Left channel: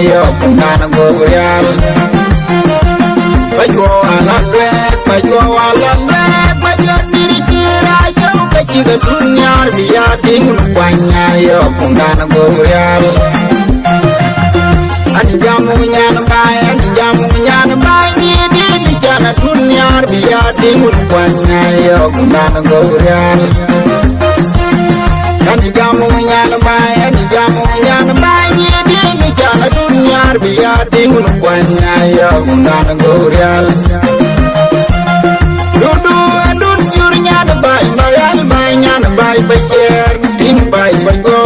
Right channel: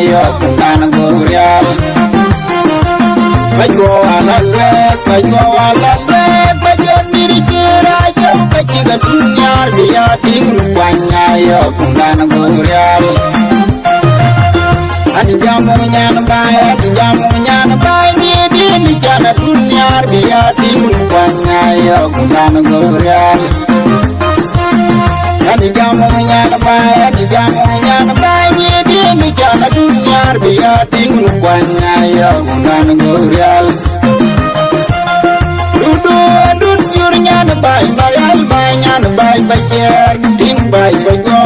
yo kundan gorial bajo alalwek bajo diri chira yo kachiga dunyar biya tingun kwanya yo kundan gorial ani jamu nyan bay ni di jana dunyar biya tingun kwanya yo kundan gorial ani jamu nyan bay ni di jana dunyar biya tingun kwanya yo kundan gorial dudu jur nyan bay marial bay nyan bay bajer ding bay bago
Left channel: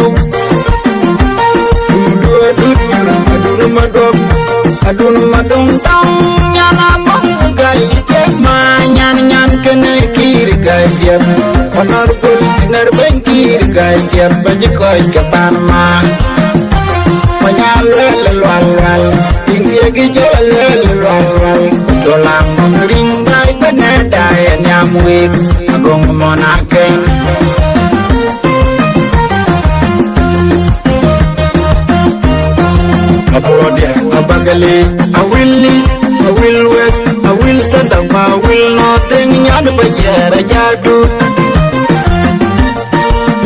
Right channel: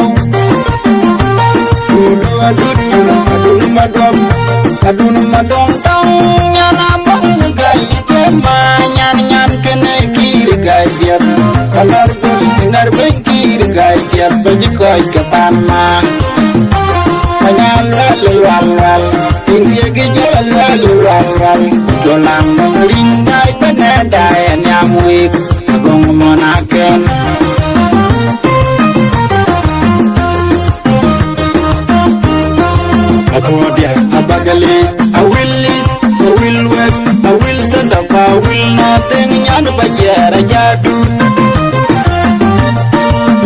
adun madong tong nyana bong gai ke ma nyan kene kir gai diam onar bul ner ben kir gai diam bajikoy kapan ma manyal wal tinggi gi jol wal dolang ring bai beneda nyamwik gong monaken Abodia, Abagali, I will work, I will send up, I will nothing, Yan Bajara Jadu.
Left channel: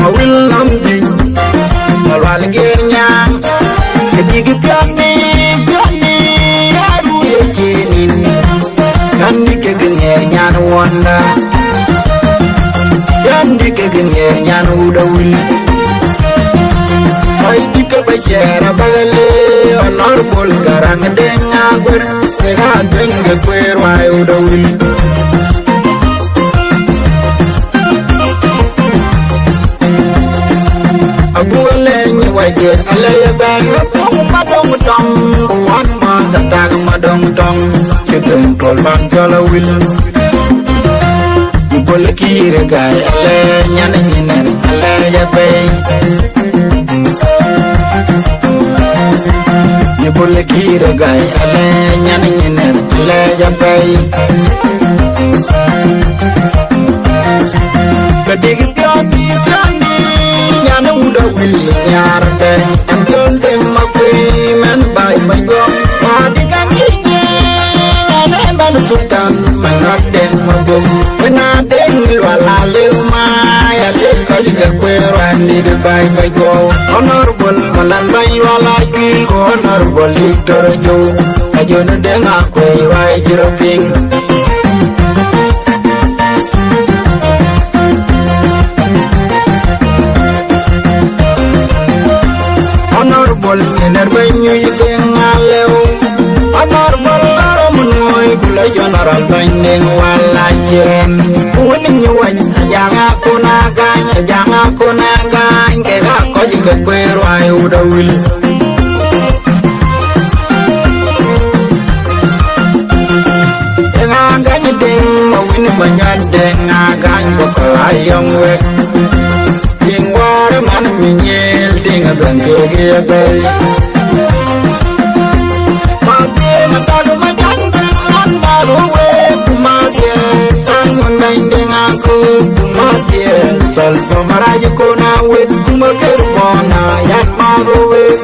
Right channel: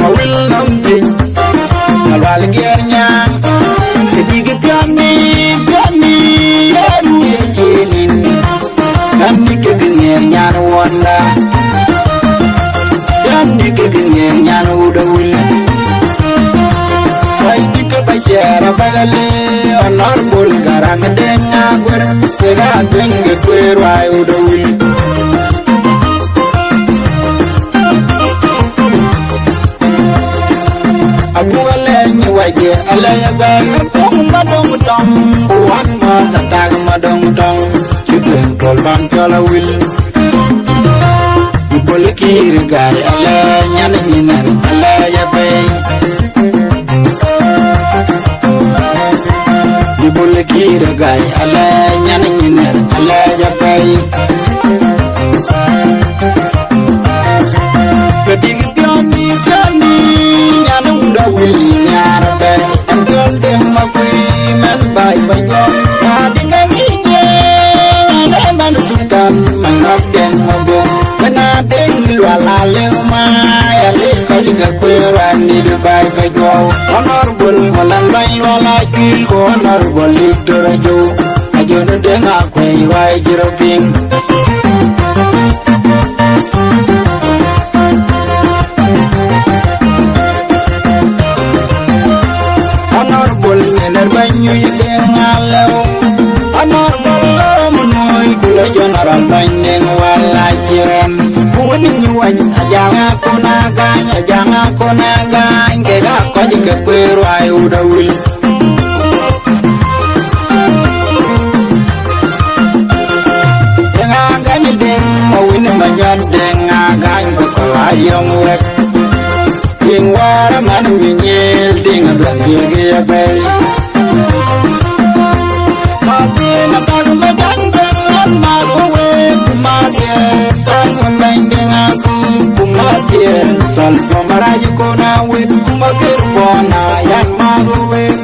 I will nothing, Malwalgernya, Kedig Gani, Yaru Yajinin, Kandi Kaganya Yan Wanda, Yandi Kaganya Udawil. Dika bajara bagale honor bol garang denga gur tega denge kwer wai udawil abu alenyi waje alaya bang pong madong tong wan ma tatag madong tong chiteng tol ban jala wil bol kir gai alanya niner alaya bay Bule kira gai ala nyana nyiner ala jabai Kedik pioni nyana uda wili nyarbe Anton deng makui men bai bago Madinga ngirje nyana emban sultan Mangat deng mabung Mena deng luala leuma Ya leka liga kweran di bai bago Honorable malan bai luala kil Honorable Victor Ajo Ajo na deng akwe wai jiroping Honorable ngener banyu deng alew Honorable loromunoi gula general bandeng walajen Kuwani nyuwany ajang aku nagany Kega ko jika kweru ay udawil Ngagany ding mawin manyad ding ngagany bakalayang wek Ding wara man minyel ding adang gigibay Madir na tago majan ding an maruwek Madir san mundain ding aku Madir salpa maraja ko na wit Kumakirbona yan maruwek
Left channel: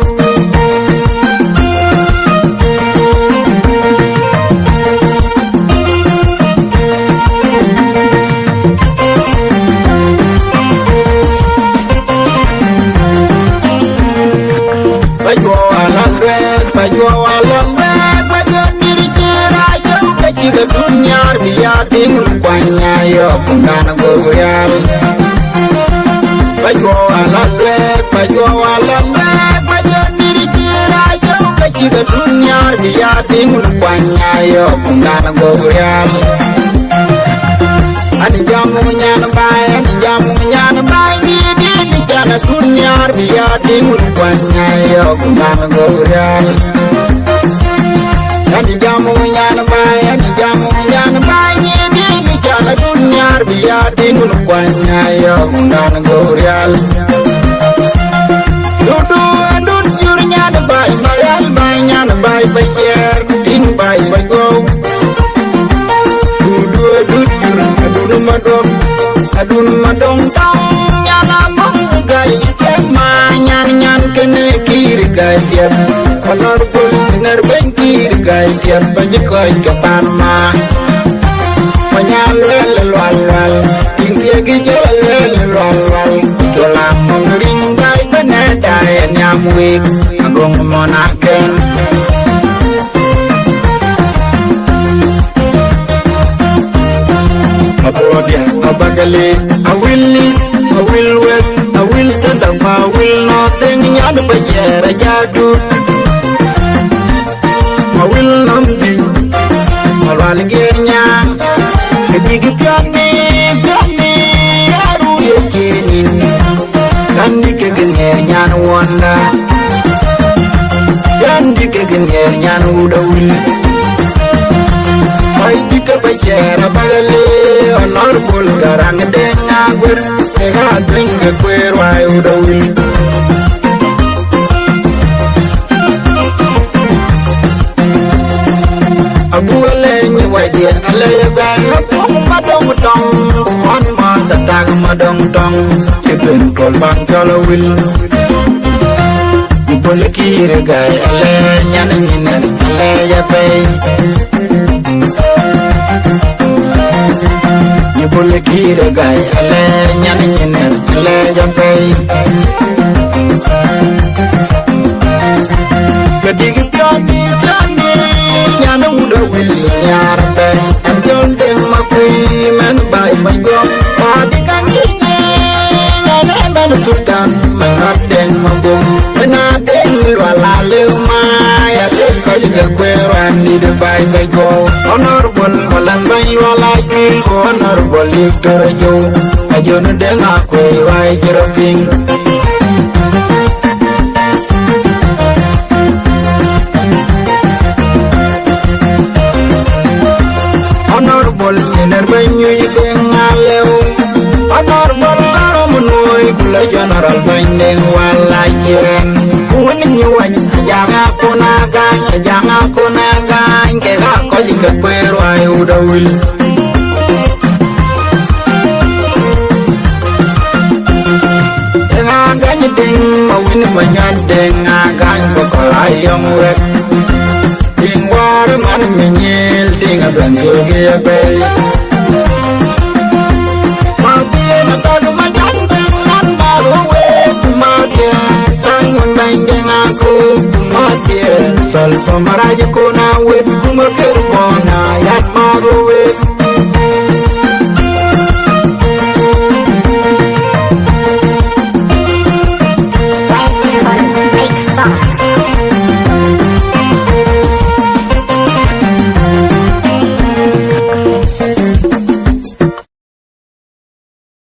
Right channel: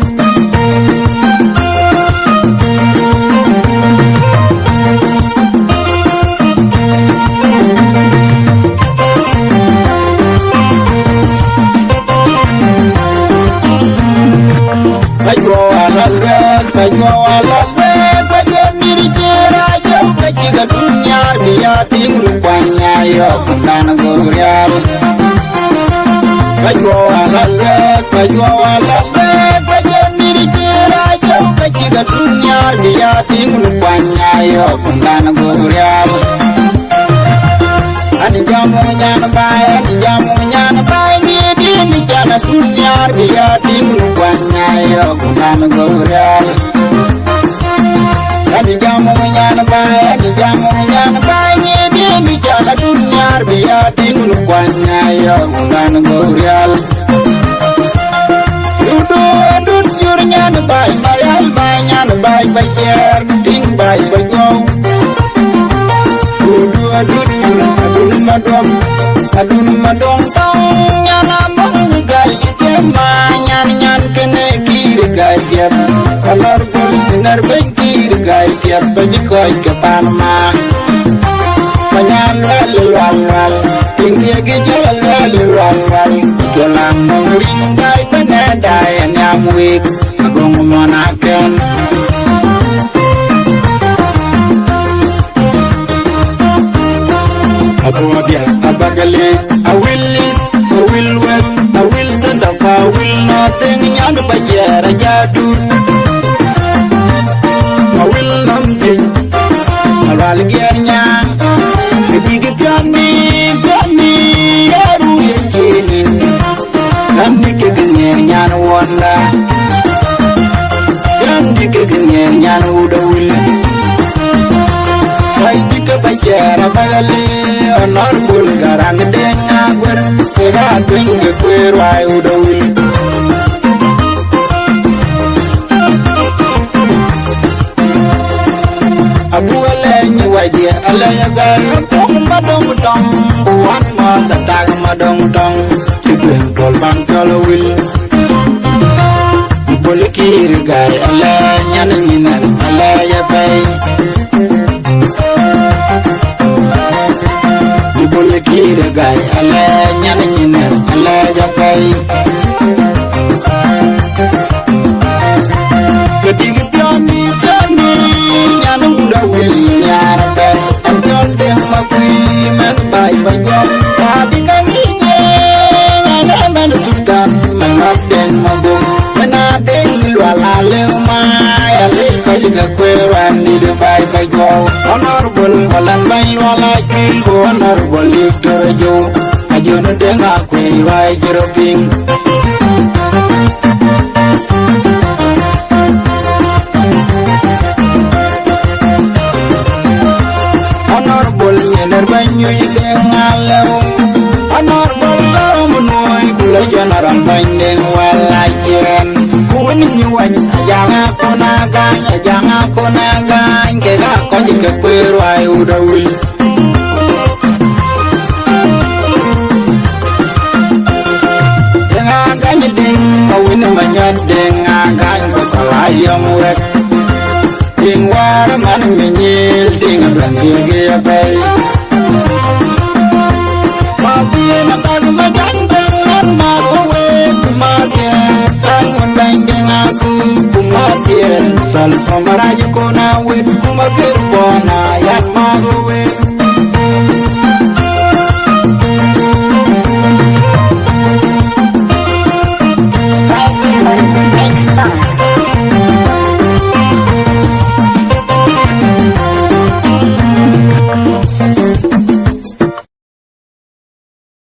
bajo diri chira yo kachiga dunyar biya tingun kwanya yo kundan gorial bajo diri chira yo kachiga dunyar biya tingun kwanya yo kundan gorial ani jamu nyan bay ni di jana dunyar biya tingun kwanya yo kundan gorial Ani jamu nyan bay ni di jana dunyar biya tingun kwanya yo kundan gorial dudu jur nyan bay marial bay nyan bay bajer ding bay bago adun madong tong nyana bong gai ke ma nyan kene kir gai diam honorable ner bengkir gai tiap bajikoi ke Panama Panyaluel lual tinggi gijol lual Dolam ringgai penedai nyamwik agung monaken Abodia abagale I will wet I will send up I will nothing nyad bajera jadu I will namdi alwal gernya Kedigi piani yaru yejenin Kandi kegenger nyan wanda Kandi kegenger nyan udawil Hai dika bajera bagale honorable garang denga gwer Tega dwenge kwer wai udawil Abu alenyi wajir alaya gaya pong madong tong Buwan ma tatag madong tong Cipin tol bang cholowil Buli kiri gaya alanya nanyinen alaya pay Buli kiri gaya alanya nanyinen alaya pay Kedigi pioni Nyana uda wili nyarpe Anjon deng makui men bai banggom Tadi kangije Nyana men sultan Mengat deng mabung Mena deng luala leuma Ya leko juga kweran Di de bai banggom Honorable walan bai luala kil Honorable Victor Ajo Ajo nu deng akwe wai jeroping Honorable yener banyu yideng alew Honorable lamunoi gula general bandeng walajen Kuwini nyuwany ajang aku nagany Kega ko jika kweru ay udawil Deng agany ding mawini manyad deng agany Bakalayang wek Ding war man menyil ding abang gege bay Mabie na tag madang dengan marowe Kumabie sangun banding aku Kumabie sal pamaraja ko na wit Kumakir bona yan marowe